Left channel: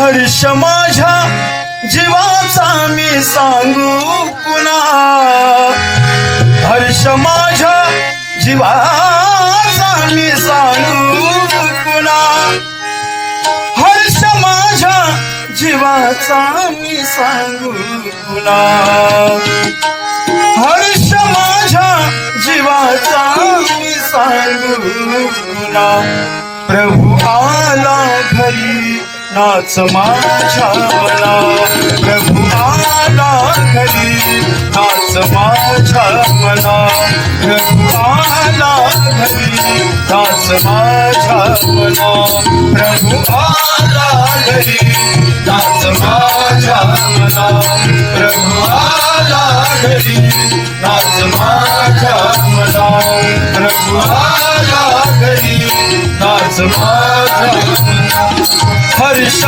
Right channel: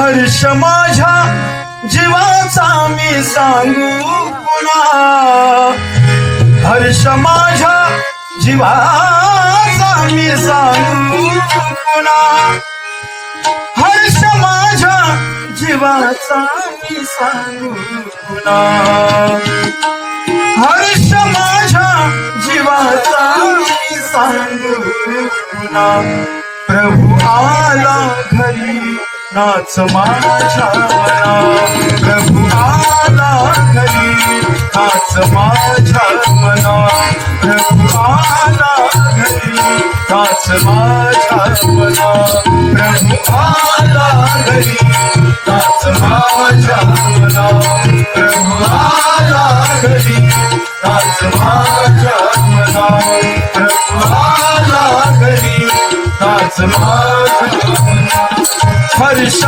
हर्ष माझ्या जीवाचा मी सांगू पुन्हा, हर्ष माझ्या जीवाचा मी सांगू पुन्हा, हर्ष माझ्या जीवाचा मी सांगू पुन्हा, हर्ष माझ्या जीवाचा मी सांगू पुन्हा. प्रभू आला घरी नाच माझ्या मना, प्रभू आला घरी नाच माझ्या मना, प्रभू आला घरी नाच माझ्या मना, प्रभू आला घरी नाच माझ्या मना, प्रभू आला घरी नाच माझ्या मना, प्रभू आला घरी नाच माझ्या मना. हर्ष